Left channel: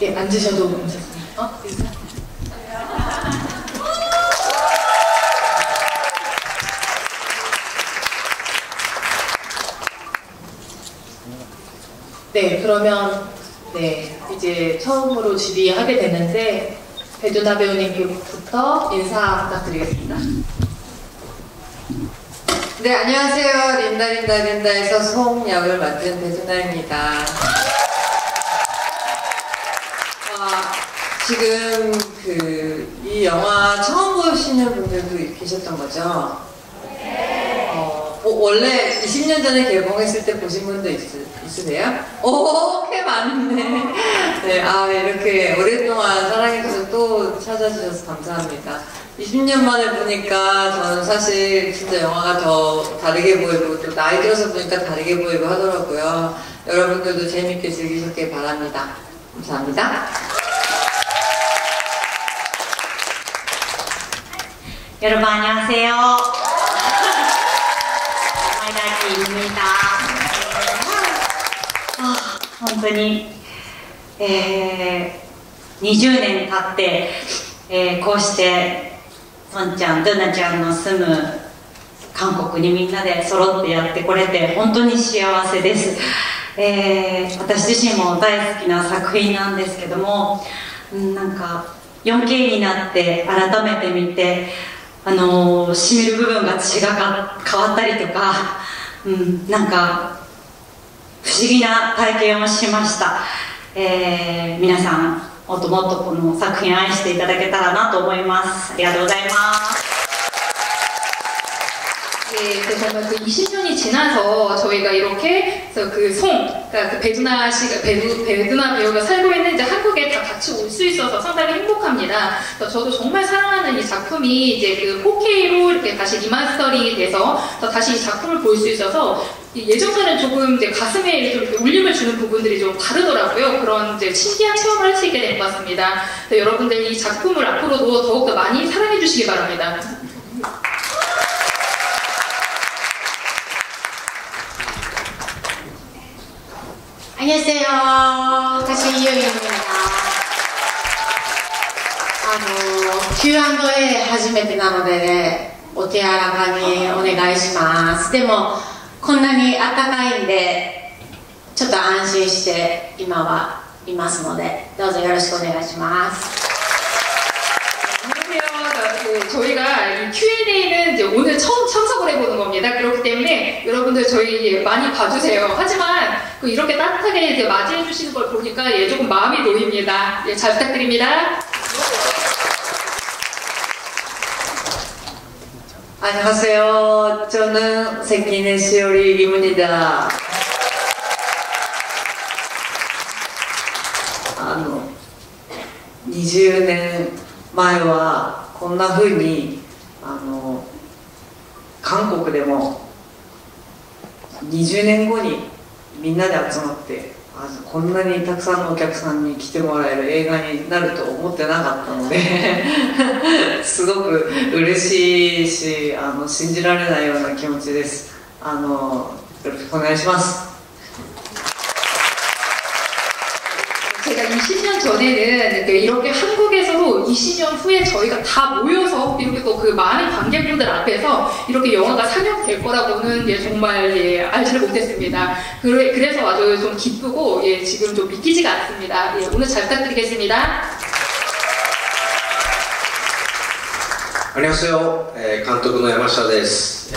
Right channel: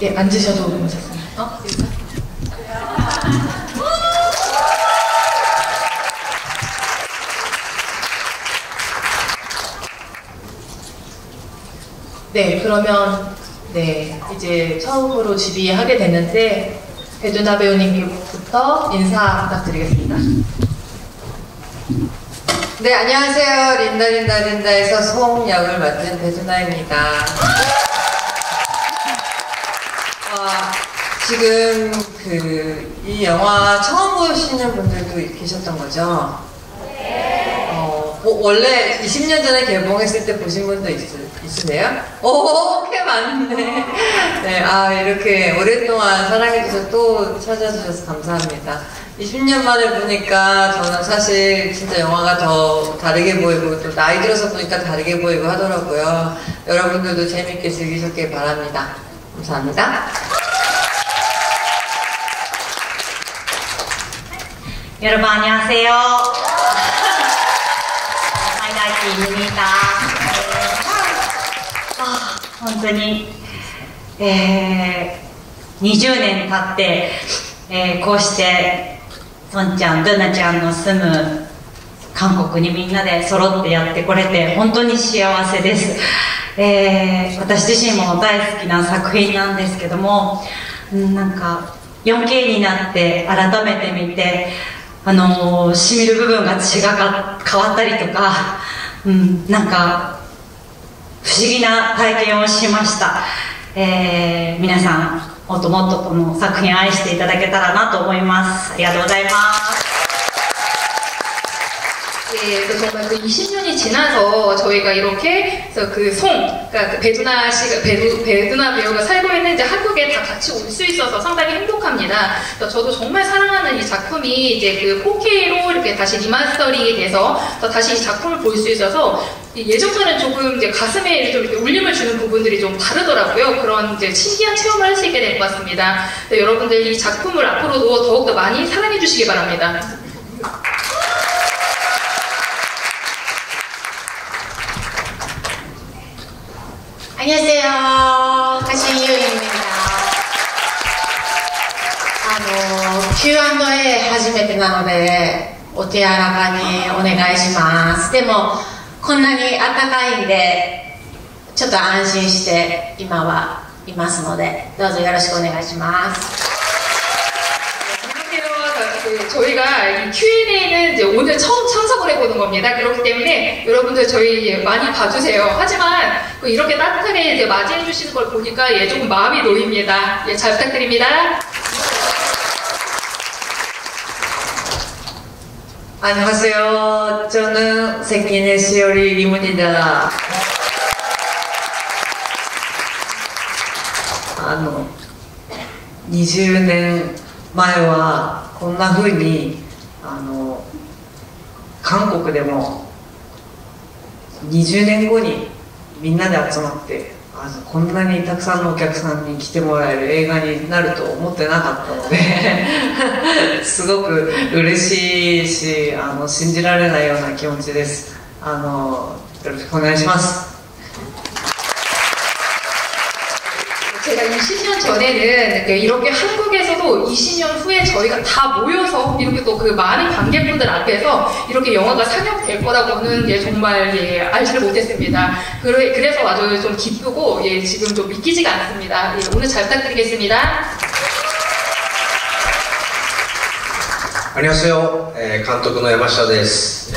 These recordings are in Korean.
예, 앉으셔도 괜찮습니다. 네, 그러면 네, 이제 처음으로 질의하게 되는데 배두나 배우님부터 인사 부탁드리겠습니다. 네, 안녕하세요. 린다에서 송 역을 맡은 배두나입니다. 지금 이 영화 처음 보시는 분들도 계셨던 거죠? 네. 원래 20년 전에 개봉했을 때 보신 분도 있으세요? 오, 꽤 많네. 네, 이렇게 오랫동안 사랑해주셔서 또 찾아주셔서 감사합니다. 20년 만에 보니까 저는 사실 진짜 영화가 더 다르게 보이고 또 나이 들어서 보니까 다르게 보이고 하더라고요. 여러분들도 재밌게 즐기셨길 바랍니다. 감사합니다. 여러분 안녕하세요. 하이라이트입니다. 本当に、20年経って、こうしてソンちゃん、ドゥナちゃんの住む韓国にみんなで揃ってやってこれて本当に幸せです。私自身も大好きな作品なんですけども、なんか 4K になって改めて見てしみる部分が違変わったりとか、なんか不思議な体験をしました。皆さんもっともっとこの作品を愛していただけたらなと思います。ありがとうございます。 네, 정말 20년이 지나서 저희가 이렇게 그 그러니까 그 배두나 배우가 살고 있는 이제 한국에 다 같이 올 수 있어서 상당히 행복합니다. 저도 정말 사랑하는 이 작품이 이제 그 4K로 이렇게 다시 리마스터링이 돼서 다시 이 작품을 볼 수 있어서 예전과는 조금 이제 가슴에 좀 울림을 주는 부분들이 좀 다르더라고요. 그런 이제 신기한 체험을 할 수 있게 된 것 같습니다. 네, 여러분들 이 작품을 앞으로도 더욱더 많이 사랑해 주시기 바랍니다. 안녕하세요. 가신유입니다. Q&A 初めてなのでお手柔らかにお願いします。でもこんなに暖かいんでちょっと安心して今はいますのでどうぞよろしくお願いします。 저희가 이 Q&A는 이제 오늘 처음 참석을 해보는 겁니다. 그렇기 때문에 여러분들 저희 많이 봐주세요. 하지만 이렇게 따뜻하게 이제 맞이해 주시는 걸 보니까 좀 마음이 놓입니다. 잘 부탁드립니다. 안녕하세요. 저는 생긴의 시오리 리문이다. 20年前はこんな風に韓国でも20年後にみんなで集まってこんなにたくさんのお客さんに来てもらえる映画になると思ってなかったのですごく嬉しいし信じられないような気持ちです。よろしくお願いします。 제가 20년 전에는 이렇게 한국에서도 20년 후에 저희가 다 모여서 이렇게 또 그 많은 관객분들 앞에서 이렇게 영화가 상영될 거라고는 정말 알지 못했습니다. 그래서 아주 좀 기쁘고 지금 좀 믿기지가 않습니다. 오늘 잘 부탁드리겠습니다. 안녕하세요. 감독의 야마시타です。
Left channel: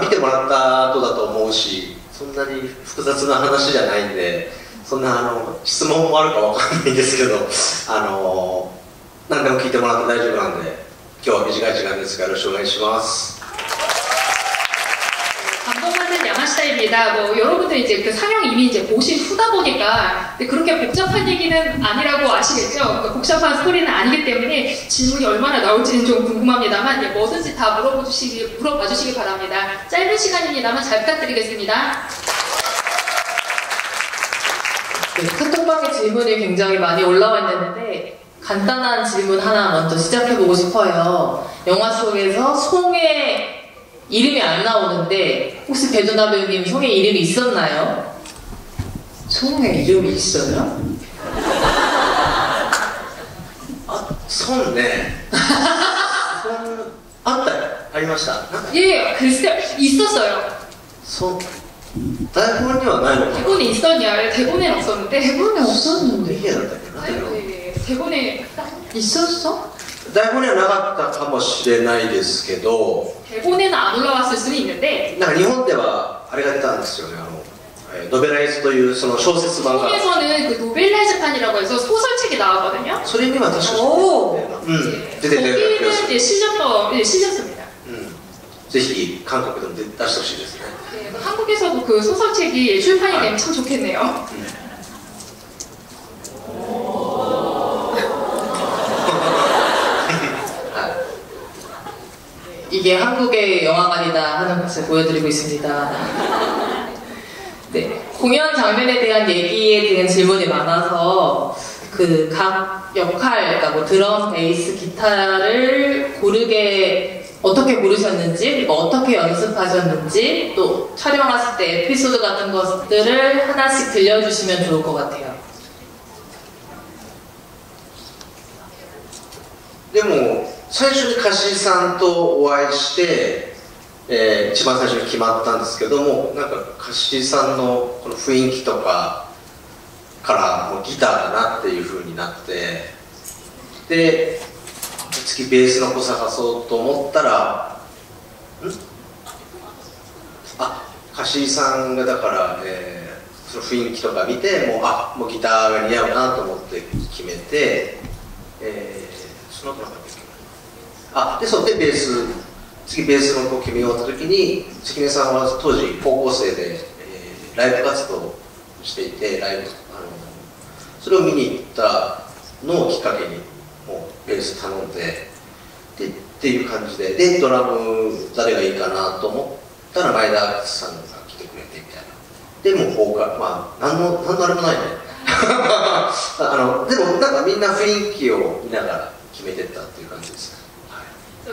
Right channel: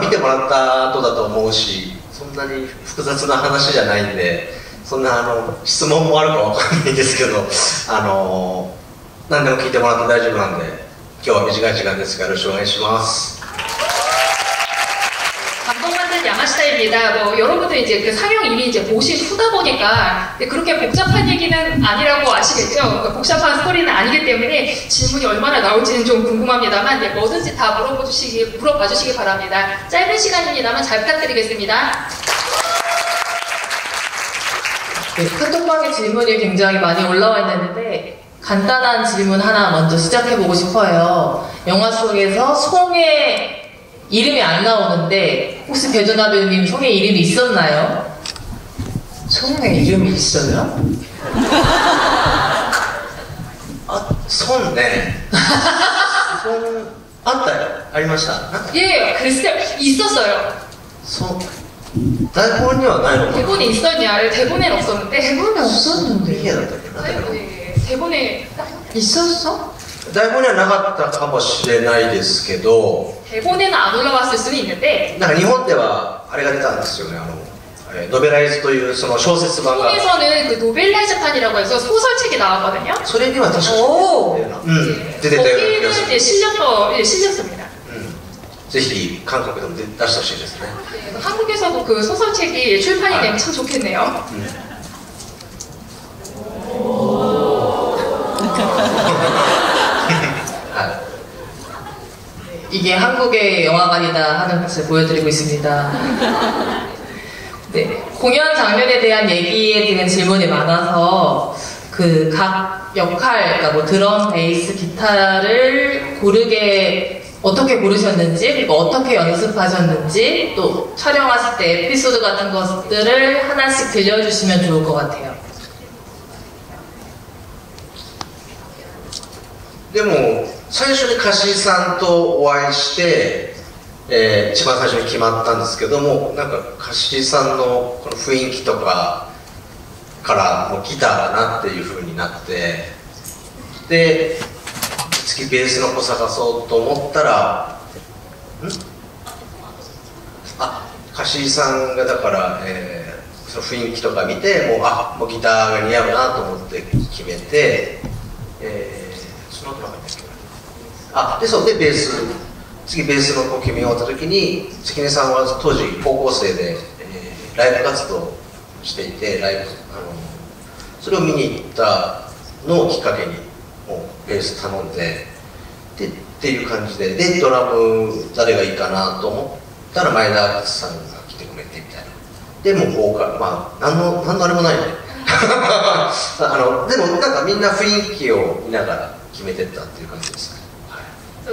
見てもらった後だと思うし、そんなに複雑な話じゃないんで、そんな質問もあるかわかんないんですけど、何でも聞いてもらって大丈夫なんで、今日は短い時間ですがよろしくお願いします。 감독관은 야마시타입니다. 여러분들 이제 그 상영 이미 이제 보신 후다 보니까 그렇게 복잡한 얘기는 아니라고 아시겠죠? 복잡한 스토리는 아니기 때문에 질문이 얼마나 나올지는 좀 궁금합니다만 뭐든지 다 물어봐 주시기 바랍니다. 짧은 시간입니다만 잘 부탁드리겠습니다. 네, 카톡방에 질문이 굉장히 많이 올라와 있는데 간단한 질문 하나 먼저 시작해보고 싶어요. 영화 속에서 송의 이름이 안 나오는데 혹시 배두나 배우님 성에 이름이 있었나요? 성에 이름이 있어요? 孫ね孫あったよありましたなんか 예, 글쎄 있었어요. 孫台本にはないのか 대본에 있었냐? 대본에는 없었는데. 대본에 없었는데. いやだったっけな 예, 대본에 있었어? 台本にはなかったかもしれないですけど 대본에는 안 올라왔을 수는 있는데 なんか日本ではあれが出たんですよねノベライズというその小説版が 한국에서는 그 노벨라이즈판이라고 해서 소설책이 나왔거든요. それには確かお出てたような気が 거기는 する 이제 실렸어, 예, 실렸습니다. ぜひ韓国でも出してほしいですね 한국에서도 그 소설책이 출판이 되면 참 좋겠네요. 이게 한국의 영화관이다 하는 것을 보여드리고 있습니다. 네, 공연 장면에 대한 얘기에 대한 질문이 많아서 그 각 역할, 그러니까 뭐 드럼, 베이스, 기타를 고르게 어떻게 고르셨는지, 그리고 어떻게 연습하셨는지, 또 촬영하실 때 에피소드 같은 것들을 하나씩 들려주시면 좋을 것 같아요. でも最初に柏木さんとお会いして、一番最初に決まったんですけどもなんか柏木さんのこの雰囲気とかからもうギターだなっていう風になってで次ベースの子探そうと思ったら柏木さんがだから、その雰囲気とか見てもうギターが似合うなと思って決めて、その後なんだっけでそうでベース次ベースの子を決め終わった時に関根さんは当時高校生で、ライブ活動をしていてそれを見に行ったのをきっかけにもうベース頼んでっていう感じでドラム誰がいいかなと思ったら前田さんが来てくれてみたいなでもボーカル何のあれもないねでもなんかみんな雰囲気を見ながら決めてったっていう感じですね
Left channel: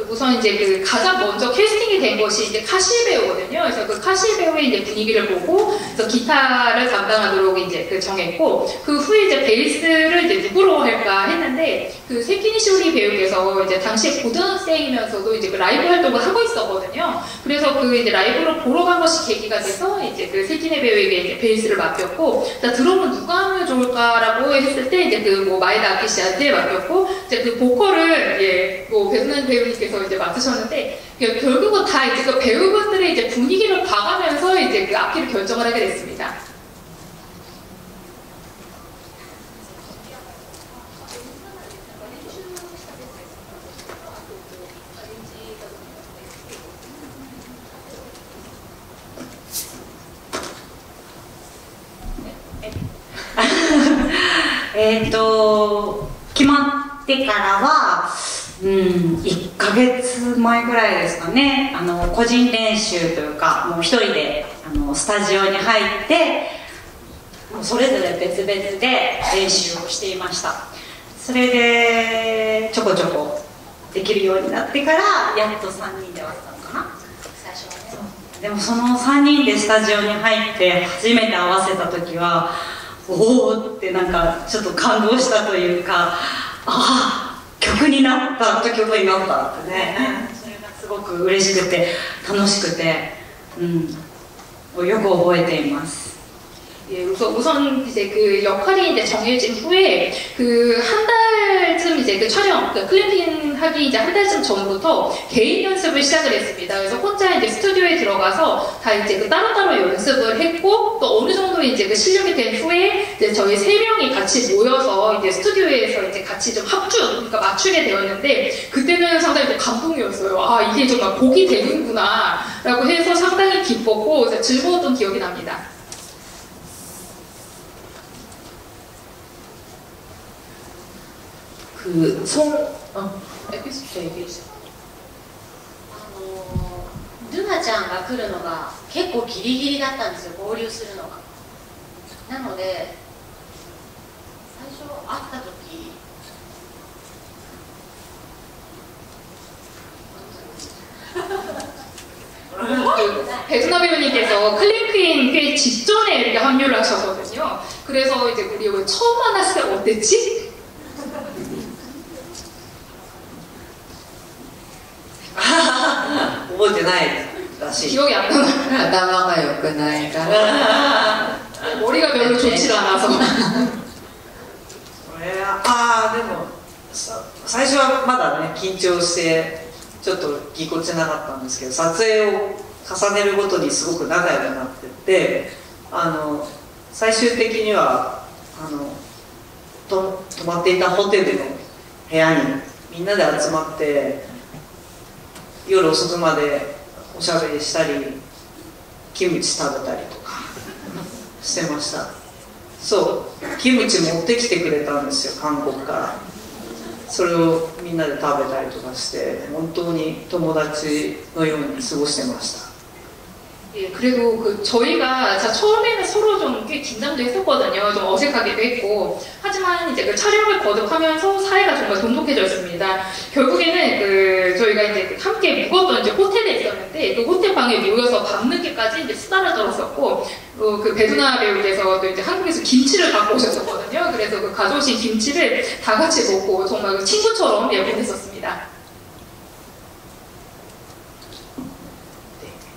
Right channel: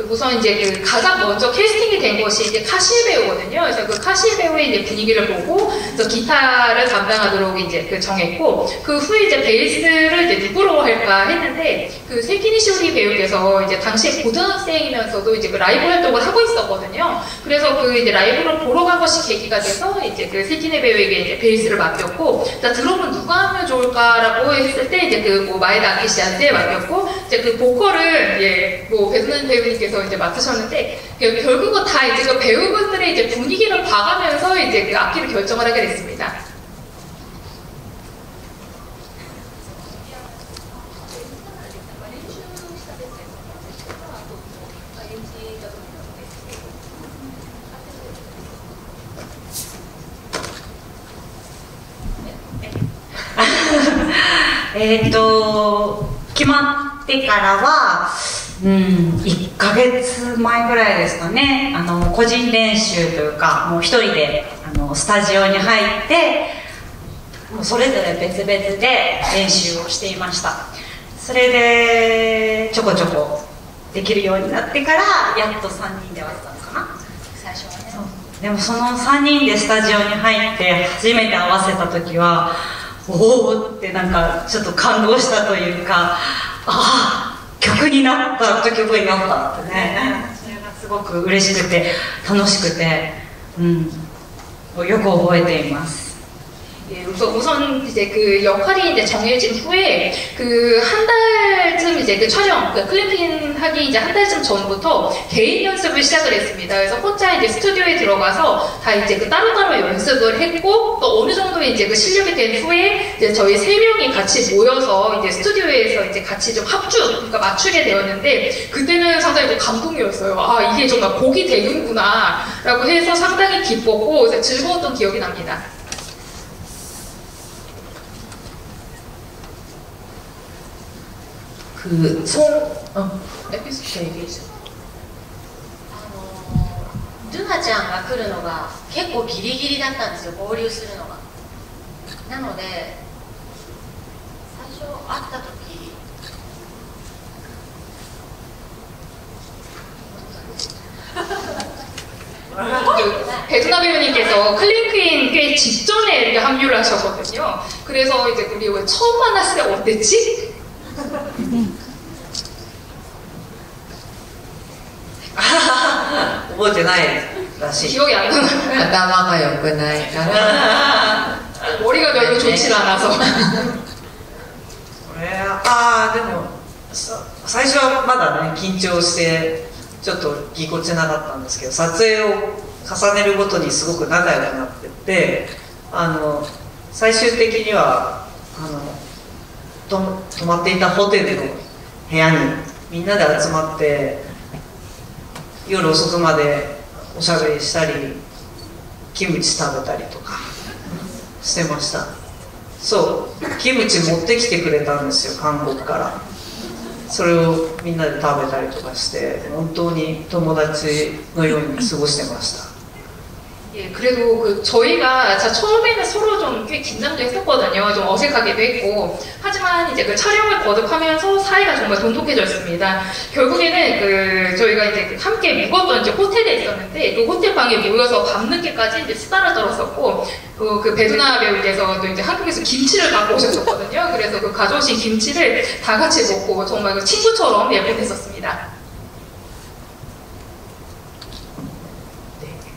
우선 이제 그 가장 먼저 캐스팅이 된 것이 이제 카시 배우거든요. 그래서 그 카시 배우의 이제 분위기를 보고 그래서 기타를 담당하도록 이제 그 정했고 그 후에 이제 베이스를 이제 누구로 할까 했는데 그 세키니 시오리 배우께서 이제 당시에 고등학생이면서도 이제 그 라이브 활동을 하고 있었거든요. 그래서 그 이제 라이브를 보러 간 것이 계기가 돼서 이제 그 세키니 배우에게 이제 베이스를 맡겼고 자 드럼은 누가 하면 좋을까라고 했을 때 이제 그 뭐 마에다 아키 씨한테 맡겼고 이제 그 보컬을 뭐 배우는 배우님께서 이제 맡으셨는데 결국은 다 이제 그 배우분들의 이제 분위기를 봐가면서 이제 그 악기를 결정을 하게 됐습니다. 네. 決まってからは、1ヶ月前ぐらいですかね、個人練習というか、もう一人でスタジオに入って、それぞれ別々で練習をしていました。それでちょこちょこできるようになってから、やっと3人で割ったのかな、最初はね。でもその3人でスタジオに入って初めて合わせた時は、おおってなんかちょっと感動したというか、ああ曲になった曲になったってね、それがすごく嬉しくて楽しくて、よく覚えています。 예, 우선 이제 그 역할이 이제 정해진 후에 그 한 달쯤 이제 그 촬영, 그 필리핀 하기 이제 한 달쯤 전부터 개인 연습을 시작을 했습니다. 그래서 혼자 이제 스튜디오에 들어가서 다 이제 그 따로따로 연습을 했고 또 어느 정도 이제 그 실력이 된 후에 이제 저희 세 명이 같이 모여서 이제 스튜디오에서 이제 같이 좀 그러니까 맞추게 되었는데 그때는 상당히 좀 감동이었어요. 아 이게 정말 곡이 되는구나라고 해서 상당히 기뻤고 즐거웠던 기억이 납니다. 그 에피소드 ルナちゃんが来るのが結構ギリギリだったんですよ、合流するのが。なので最初会った時그 배두나 배우님께서 클랭크인 꽤 직전에 이렇게 합류를 하셨거든요. 그래서 이제 우리 처음 만났을 때 어땠지? 覚えてないらしい。 기억이 안 나요. 頭が良くないから。 머리가 별로 좋지 않아서. でも最初はまだね緊張してちょっとぎこちなかったんですけど、撮影を重ねるごとにすごく仲良くなってって最終的には泊まっていたホテルの部屋にみんなで集まって夜遅くまでおしゃべりしたりキムチ食べたりとかしてました。そうキムチ持ってきてくれたんですよ、韓国から。それをみんなで食べたりとかして本当に友達のように過ごしてました。 예, 그래도 저희가 처음에는 서로 좀 꽤 긴장도 했었거든요. 좀 어색하기도 했고. 하지만 이제 그 촬영을 거듭하면서 사이가 정말 돈독해졌습니다. 결국에는 저희가 이제 함께 묵었던 이제 호텔에 있었는데 그 호텔 방에 모여서 밤늦게까지 이제 수다를 떨었었고, 그 배두나 배우께서도 이제 한국에서 김치를 갖고 오셨었거든요. 그래서 그 가져오신 김치를 다 같이 먹고 정말 그 친구처럼 예쁘했었습니다.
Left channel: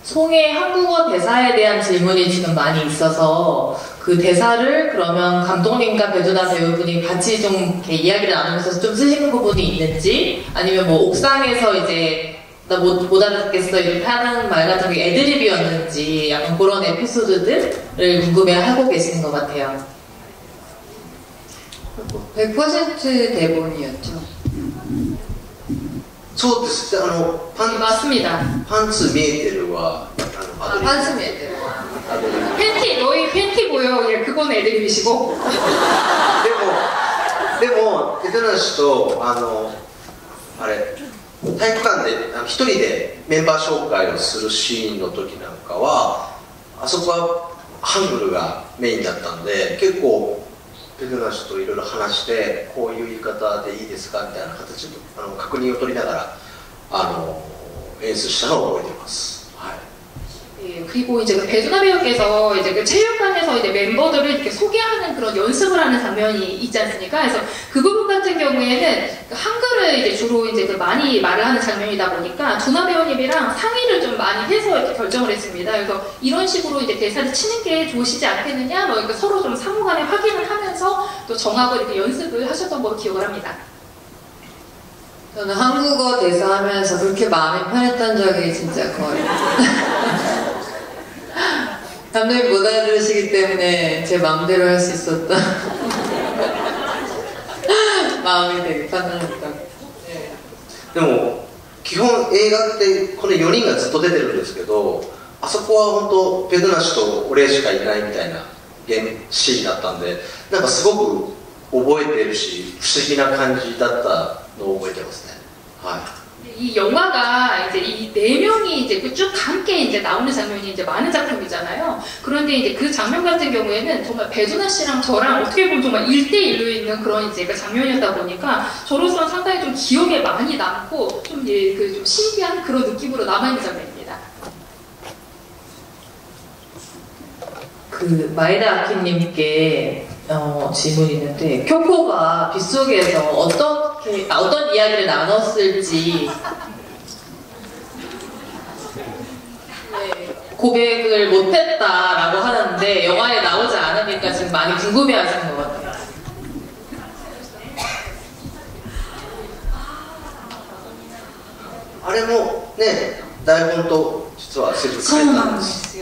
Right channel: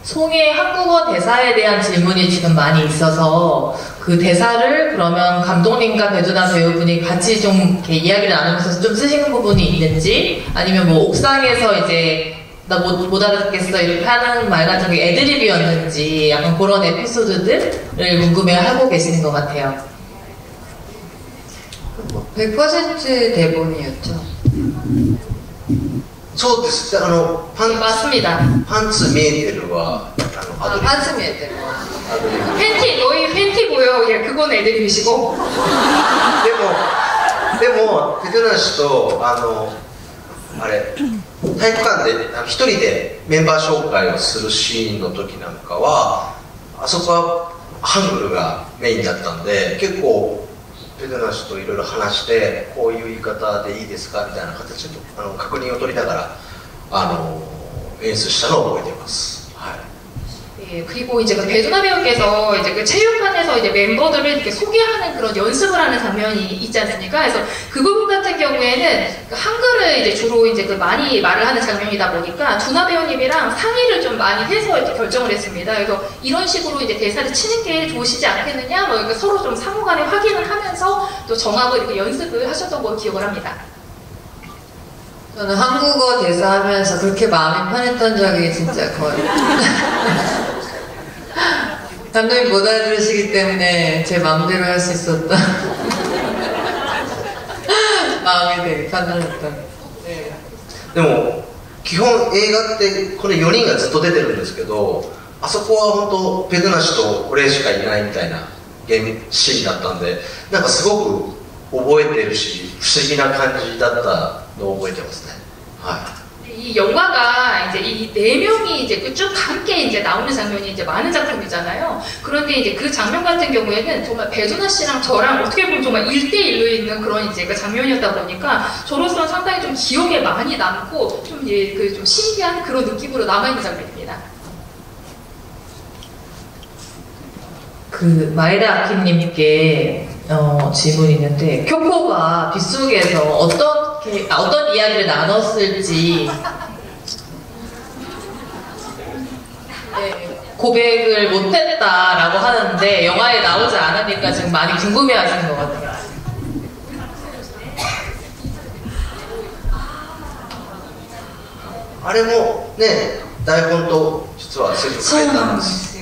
송의 한국어 대사에 대한 질문이 지금 많이 있어서 그 대사를 그러면 감독님과 배두나 배우분이 같이 좀 이렇게 이야기를 나누면서 좀 쓰시는 부분이 있는지, 아니면 뭐 옥상에서 이제 나 못 알아듣겠어 이렇게 하는 말 같은 게 애드립이었는지 약간 그런 에피소드들을 궁금해하고 계시는 것 같아요. 100% 대본이었죠. そうです。맞습니다. パンツ見えてるは한숨이 했대요. 팬티, 너희 팬티 보여. 예, 그건 애드립이시고. でもベテナン氏とあれ体育館で一人でメンバー紹介をするシーンの時なんかはあそこはハングルがメインだったんで、結構ベテナン氏といろいろ話してこういう言い方でいいですかみたいな形で確認を取りながら演出したのを覚えています。 예, 그리고 이제 그 배두나 배우께서 이제 그 체육관에서 이제 멤버들을 이렇게 소개하는 그런 연습을 하는 장면이 있지 않습니까? 그래서 그 부분 같은 경우에는 한글을 이제 주로 이제 그 많이 말을 하는 장면이다 보니까 두나 배우님이랑 상의를 좀 많이 해서 이렇게 결정을 했습니다. 그래서 이런 식으로 이제 대사를 치는 게 좋으시지 않겠느냐, 뭐 이렇게 서로 좀 상호간에 확인을 하면서 또 정하고 이렇게 연습을 하셨던 걸로 기억을 합니다. 저는 한국어 대사하면서 그렇게 마음이 편했던 적이 진짜 거의 감독님 못 알아들으시기 때문에 제 마음대로 할 수 있었다. 마음이 되게 편안했다. 네. でも基本映画ってこれ4人がずっと出てるんですけど、あそこは本当ペドナ氏と俺しかいないみたいなシーンだったんで、なんかすごく覚えてるし不思議な感じだったのを覚えてますね。はい。 이 영화가 이제 이 네 명이 이제 쭉 함께 이제 나오는 장면이 이제 많은 작품이잖아요. 그런데 이제 그 장면 같은 경우에는 정말 배두나 씨랑 저랑 어떻게 보면 정말 1대1로 있는 그런 이제 그 장면이었다 보니까 저로서는 상당히 좀 기억에 많이 남고 좀 이제 그 좀 신기한 그런 느낌으로 남아있는 장면입니다. 그 마에다 아키님께 질문이 있는데, 쿄코가 빗속에서 어떤 이야기를 나눴을지 고백을 못했다라고 하는데 영화에 나오지 않으니까 지금 많이 궁금해하시는 것 같아요. あれもね台本と実はセリフ変えたんです。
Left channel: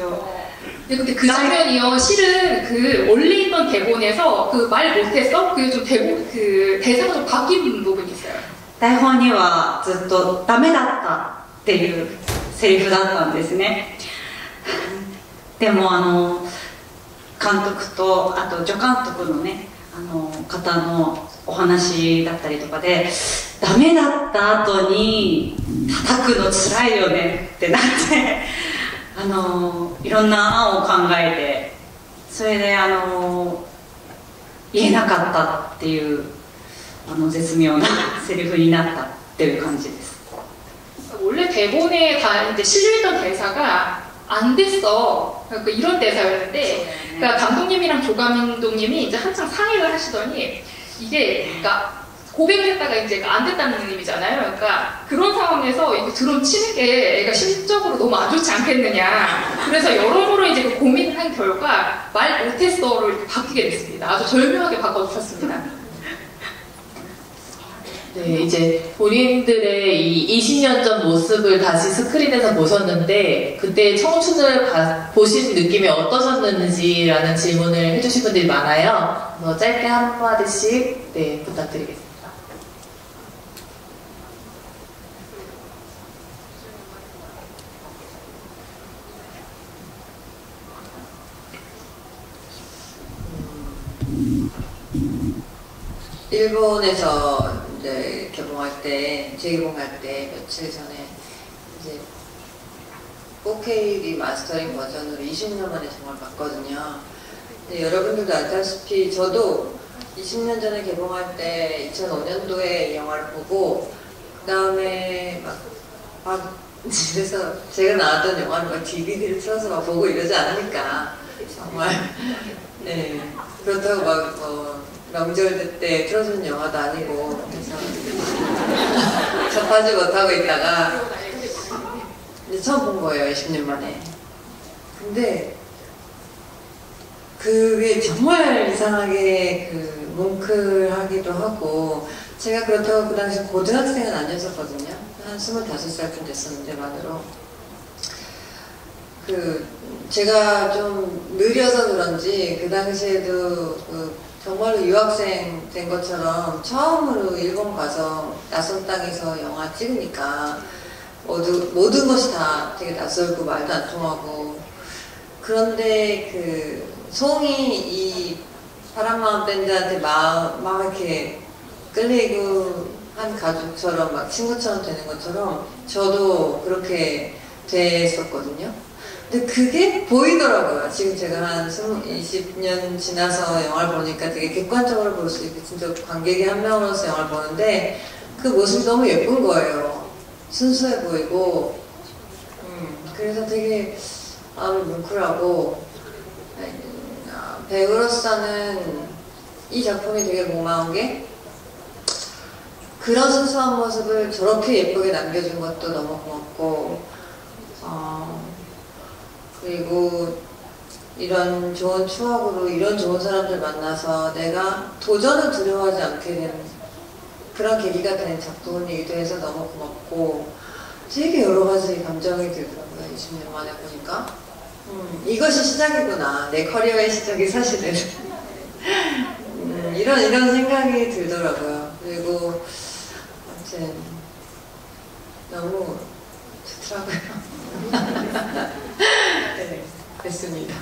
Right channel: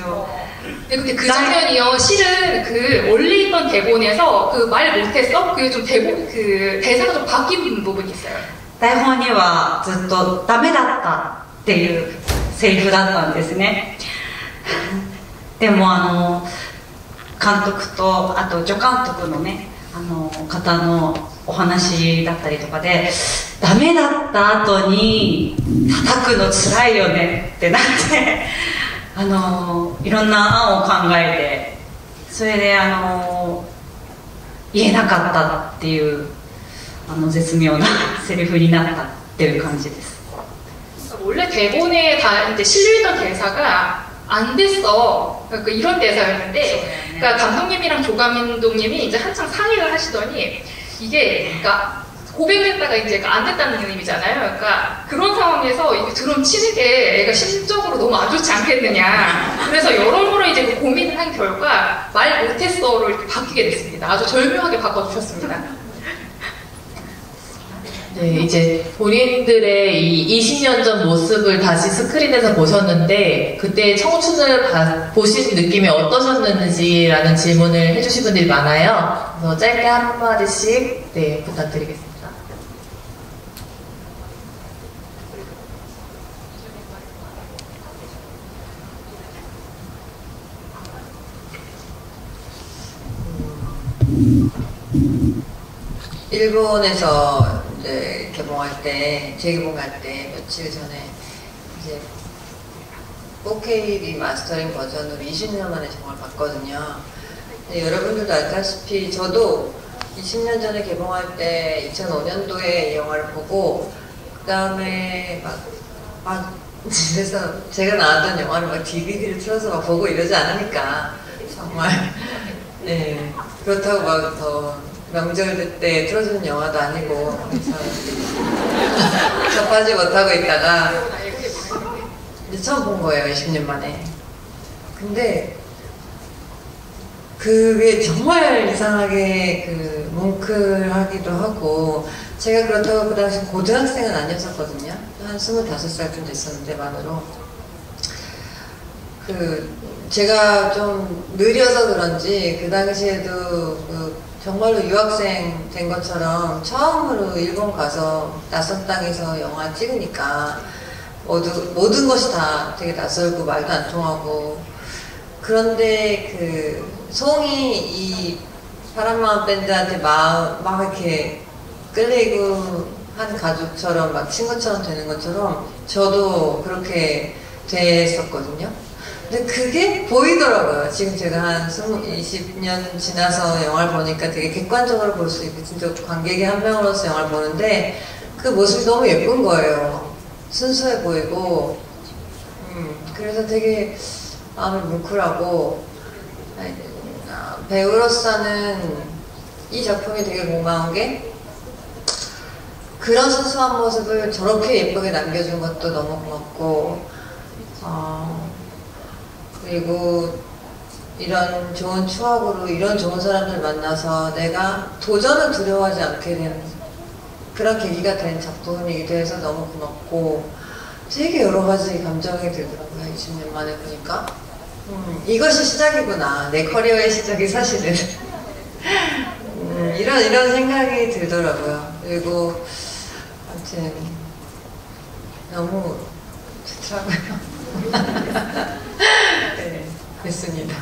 근데 그 장면이요, 실은 그 원래 있던 대본에서 그 말 못했어? 그게 좀 대본, 그 대사가 좀 바뀐 부분이 있어요. 台本にはずっとダメだったっていうセリフだったんですね。でも監督とあと助監督のね方のお話だったりとかで、ダメだった後に叩くのつらいよねってなっていろんな案を考えて、それで言えなかったっていう絶妙なセリフになったっていう感じです。 원래 대본에 이제 실려있던 대사가 안 됐어. 그러니까 이런 대사였는데, 그러니까 감독님이랑 조감독님이 이제 한창 상의를 하시더니 이게 그러니까 고백했다가 이제 안 됐다는 의미잖아요. 그러니까 그런 상황에서 이렇게 드럼 치는 게 애가 심적으로 너무 안 좋지 않겠느냐. 그래서 여러모로 이제 고민을 한 결과 말 못했어로 이렇게 바뀌게 됐습니다. 아주 절묘하게 바꿔주셨습니다. 네, 이제 본인들의 이 20년 전 모습을 다시 스크린에서 보셨는데 그때 청춘을 보신 느낌이 어떠셨는지라는 질문을 해주신 분들이 많아요. 그래서 짧게 한마디씩 네, 부탁드리겠습니다. 일본에서 이제 개봉할 때, 재개봉할 때 며칠 전에 이제 4K 리마스터링 버전으로 20년 만에 정말 봤거든요. 근데 여러분들도 알다시피 저도 20년 전에 개봉할 때 2005년도에 이 영화를 보고 그 다음에 막 집에서 제가 나왔던 영화를 막 DVD를 틀어서 막 보고 이러지 않으니까 정말 네 그렇다고 막 더 명절 때 틀어주는 영화도 아니고 그래서 접하지 못하고 있다가 이제 처음 본 거예요. 20년 만에. 근데 그게 정말 이상하게 그 뭉클하기도 하고 제가 그렇다고 그 당시 고등학생은 아니었었거든요. 한 25살쯤 됐었는데 만으로 제가 좀 느려서 그런지 그 당시에도 정말로 유학생 된 것처럼 처음으로 일본 가서 낯선 땅에서 영화 찍으니까 모든 것이 다 되게 낯설고 말도 안 통하고 그런데 송이 이 사랑마음 밴드한테 막 이렇게 끌리고 한 가족처럼 막 친구처럼 되는 것처럼 저도 그렇게 됐었거든요. 근데 그게 보이더라고요. 지금 제가 한 20년 지나서 영화를 보니까 되게 객관적으로 볼 수 있고 진짜 관객의 한 명으로서 영화를 보는데 그 모습이 너무 예쁜 거예요. 순수해 보이고 그래서 되게 마음이 뭉클하고 배우로서는 이 작품이 되게 고마운 게 그런 순수한 모습을 저렇게 예쁘게 남겨준 것도 너무 고맙고 그리고 이런 좋은 추억으로 이런 좋은 사람들 만나서 내가 도전을 두려워하지 않게 되는 그런 계기가 된 작품이기도 해서 너무 고맙고 되게 여러 가지 감정이 들더라고요. 20년 만에 보니까 이것이 시작이구나. 내 커리어의 시작이 사실은 이런 생각이 들더라고요. 그리고 아무튼 너무 좋더라고요. 네, 그렇습니다.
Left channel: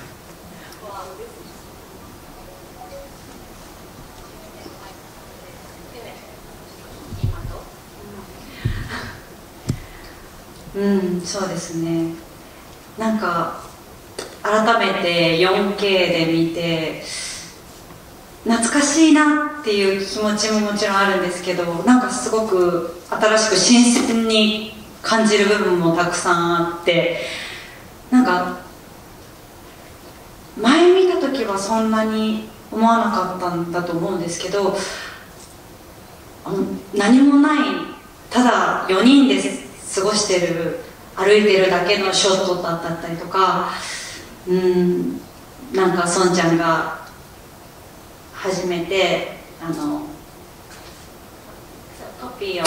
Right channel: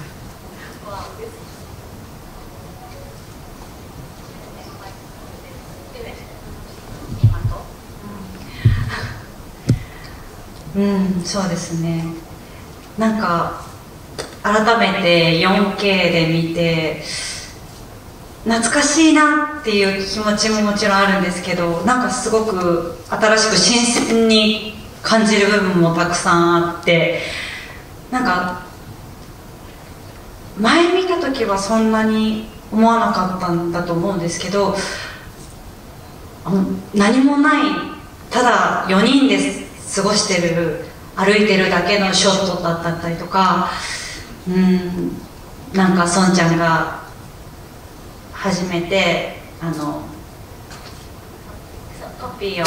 そうですね。なんか改めて 4K で見て懐かしいなっていう気持ちももちろんあるんですけど、なんかすごく新しく新鮮に感じる部分もたくさんあって、なんか前見た時はそんなに思わなかったんだと思うんですけど、何もないただ4人で過ごしてる歩いてるだけのショットだったりとか、なんか孫ちゃんが初めてコピー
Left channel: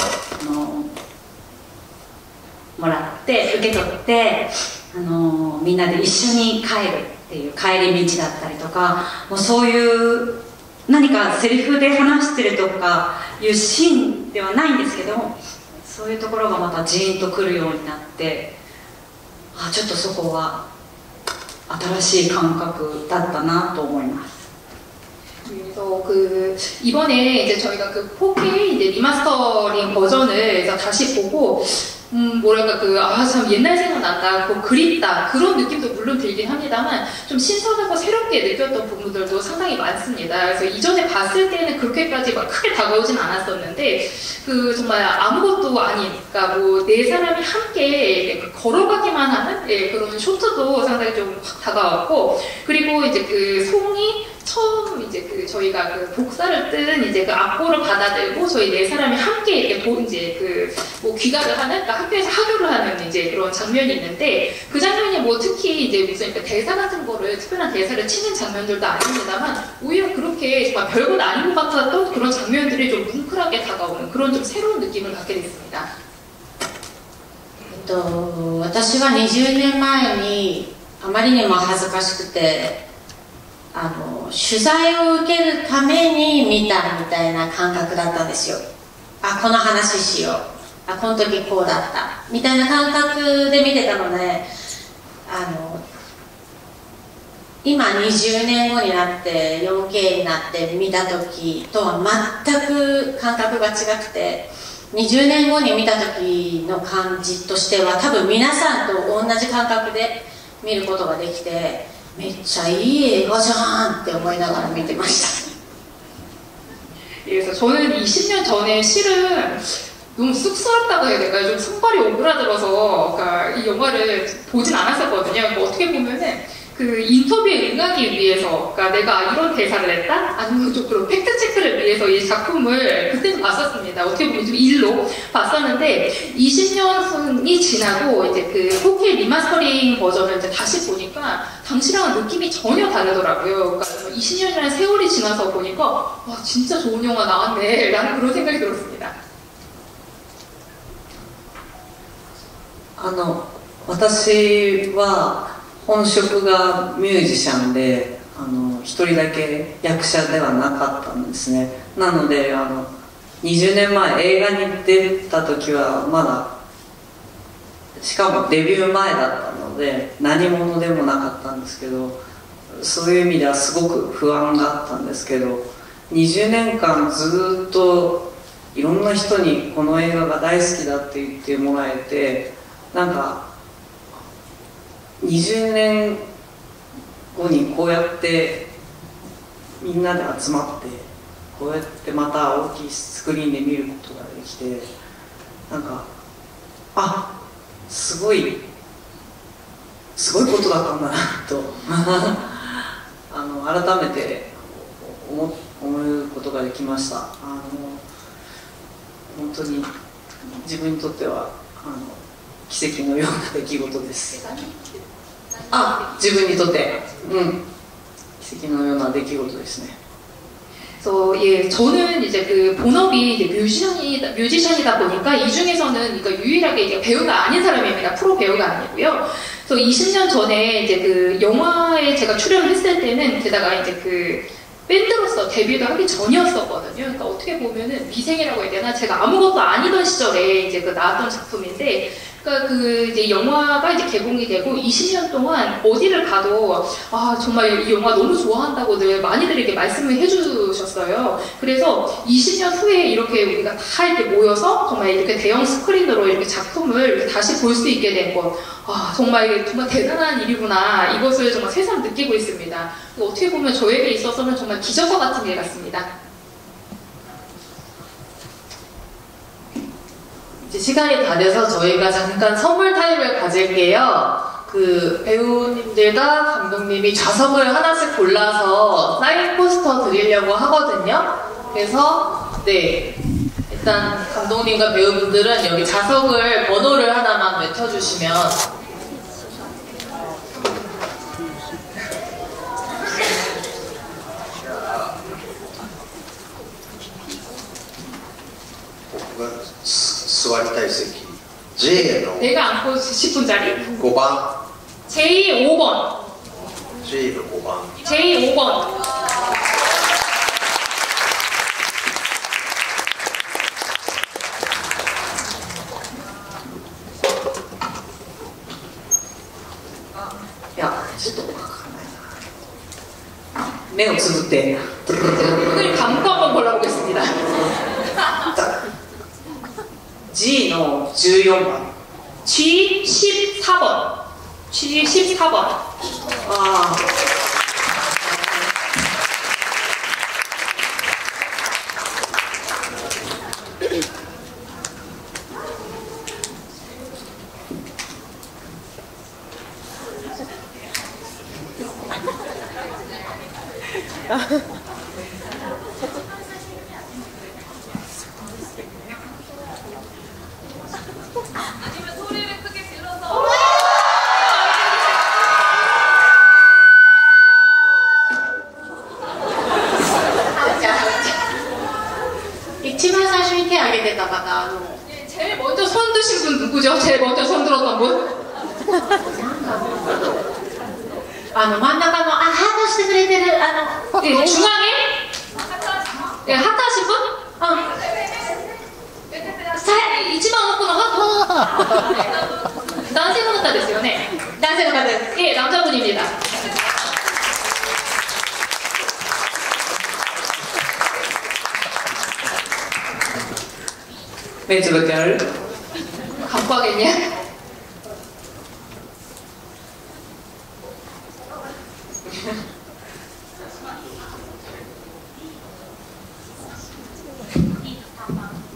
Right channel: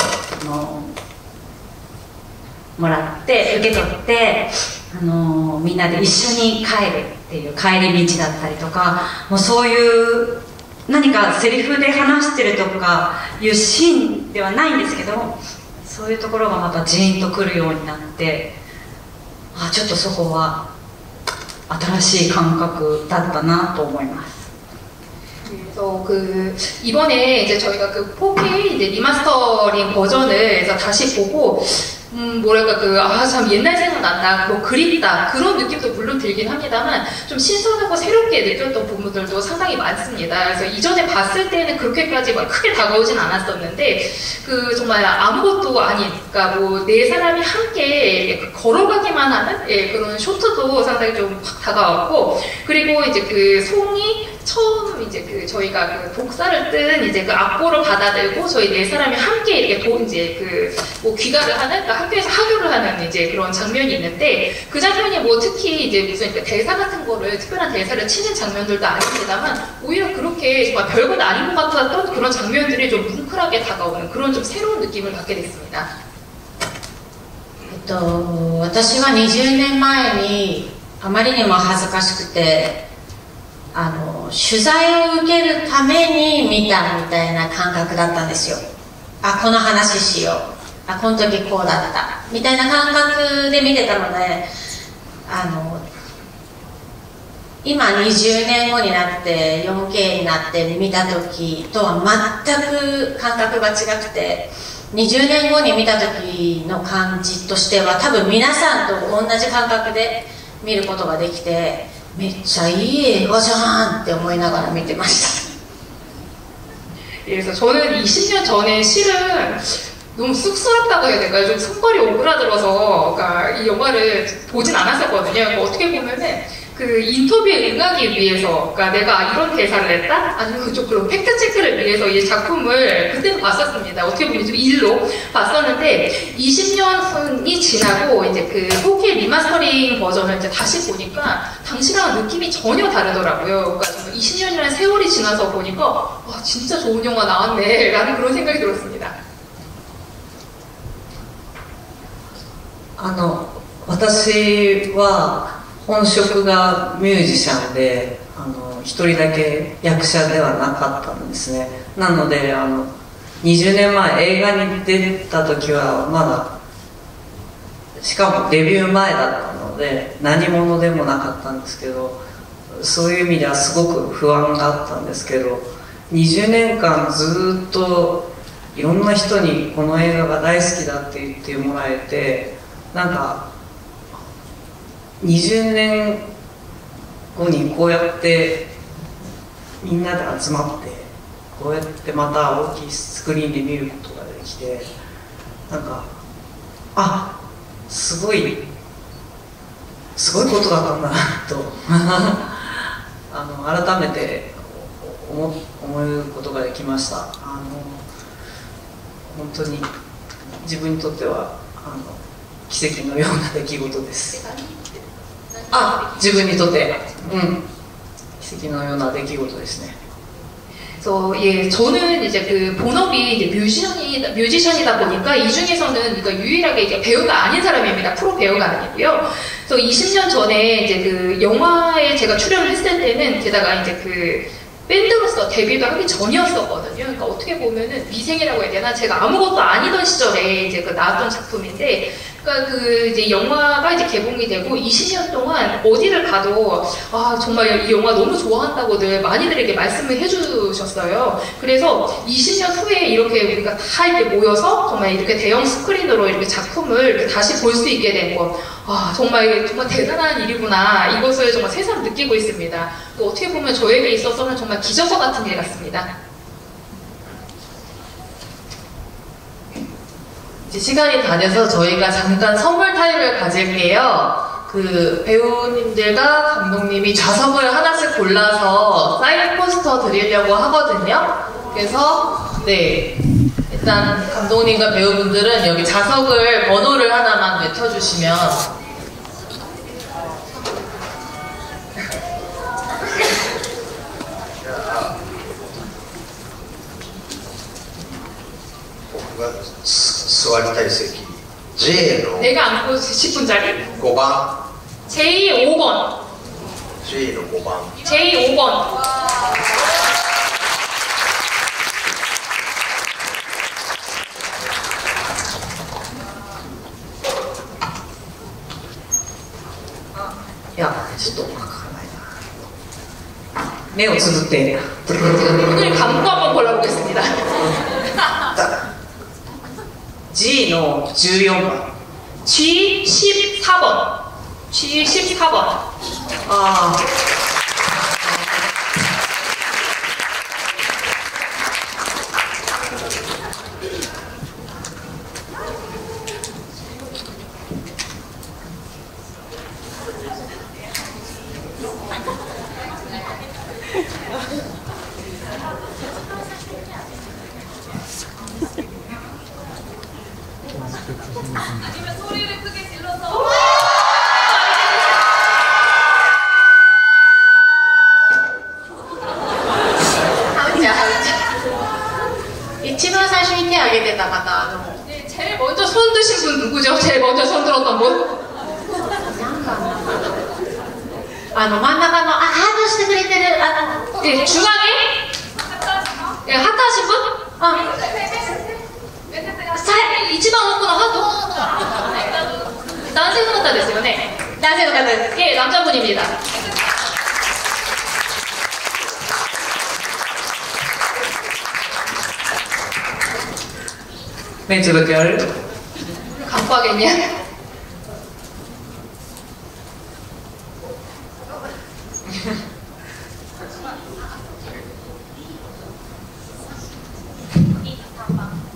をもらって受け取ってみんなで一緒に帰るっていう帰り道だったりとか、もうそういう何かセリフで話してるとかいうシーンではないんですけども、そういうところがまたジーンとくるようになって、ちょっとそこは新しい感覚だったなと思います。 그래서 이번에 이제 저희가 4K 이제 리마스터링 버전을 다시 보고 뭐랄까 참 옛날 생각난다, 그립다 그런 느낌도 물론 들긴 합니다만 좀 신선하고 새롭게 느꼈던 부분들도 상당히 많습니다. 그래서 이전에 봤을 때는 그렇게까지 막 크게 다가오진 않았었는데 정말 아무것도 아닌, 그러니까 네 사람이 함께 걸어가기만 하는 그런 쇼트 춤추도 상당히 좀 확 다가왔고, 그리고 이제 그 송이 처음 이제 그 저희가 그 복사를 뜬 이제 그 악보를 받아들고 저희 네 사람이 함께 이렇게 이제 그 뭐 귀가를 하는, 그러니까 학교에서 하교를 하는 이제 그런 장면이 있는데, 그 장면이 뭐 특히 이제 무슨 대사 같은 거를 특별한 대사를 치는 장면들도 아닙니다만, 오히려 그렇게 정말 별건 아닌 것 같았던 그런 장면들이 좀 뭉클하게 다가오는 그런 좀 새로운 느낌을 갖게 됐습니다. 私は20年前にあまりにも恥ずかしくて取材を受けるために見たみたいな感覚だったんですよ。あ、この話しよう、あ、この時こうだったみたいな感覚で見てたので、今20年後になって 4K になって見た時とは全く感覚が違くて、20年後に見た時の感じとしては多分皆さんと同じ感覚で見ることができて、めっちゃいい映画じゃんって思いながら見てました。 그래서 저는 20년 전에 실은 너무 쑥스럽다고 해야 될까요? 좀 손발이 오그라들어서 그러니까 이 영화를 보진 않았었거든요. 그러니까 어떻게 보면은 그 인터뷰에 응하기 위해서, 그러니까 내가 이런 대사를 했다? 아니면 좀 그런 팩트체크를 위해서 이 작품을 그때도 봤었습니다. 어떻게 보면 좀 일로 봤었는데, 20년이 지나고 이제 그 4K 리마스터링 버전을 이제 다시 보니까 당시랑은 느낌이 전혀 다르더라고요. 그러니까 20년이라는 세월이 지나서 보니까 와, 진짜 좋은 영화 나왔네 라는 그런 생각이 들었습니다. 私は本職がミュージシャンで一人だけ役者ではなかったんですね。なので20年前映画に出た時はまだ、しかもデビュー前だったので何者でもなかったんですけど、そういう意味ではすごく不安があったんですけど、20年間ずっといろんな人にこの映画が大好きだって言ってもらえて、なんか20年後にこうやってみんなで集まってこうやってまた大きいスクリーンで見ることができて、なんかすごいことだったんだなと改めて思うことができました。本当に自分にとっては奇跡のような出来事です。自分にとって、奇跡のような出来事ですね。 예, 저는 이제 그 본업이 이제 뮤지션이다 보니까 이 중에서는 그러니까 유일하게 이게 배우가 아닌 사람입니다. 프로 배우가 아니고요. 그래서 20년 전에 이제 그 영화에 제가 출연을 했을 때는 게다가 이제 그 밴드로서 데뷔도 하기 전이었었거든요. 그러니까 어떻게 보면은 미생이라고 해야 되나? 제가 아무것도 아니던 시절에 이제 그 나왔던 작품인데, 그러니까 그 이제 영화가 이제 개봉이 되고 20년 동안 어디를 가도 정말 이 영화 너무 좋아한다고들 많이들 이렇게 말씀을 해주셨어요. 그래서 20년 후에 이렇게 우리가 다 이렇게 모여서 정말 이렇게 대형 스크린으로 이렇게 작품을 이렇게 다시 볼 수 있게 된 것, 정말 대단한 일이구나. 이것을 정말 새삼 느끼고 있습니다. 어떻게 보면 저에게 있어서는 정말 기적과 같은 일 같습니다. 이제 시간이 다 돼서 저희가 잠깐 선물 타임을 가질게요. 그 배우님들과 감독님이 좌석을 하나씩 골라서 사인 포스터 드리려고 하거든요. 그래서 일단 감독님과 배우분들은 여기 좌석을 번호를 하나만 외쳐주시면 수활타이세기 Jの 내가 안고 싶은 자리 5番 J5번 Jの5番 J5번 야, ちょっとわからないな。目をつぶって 눈을 감고 한번 골라보겠습니다. G の14番 G14번 G14번 아니면 소리를 크게 질러서. 一番最初に手を挙げてた方、네, 제일 먼저 손 드신 분 누구죠? 제일 먼저 손 들었던 분? 真ん中のハートしてくれてる네, 중앙에? 예, 하트하신 분? 이치만 없구나 하고. 남자 분다ですよね. 男性の方です。 예, 남자분입니다. 왼쪽으로 별. 갖고 하겠냐?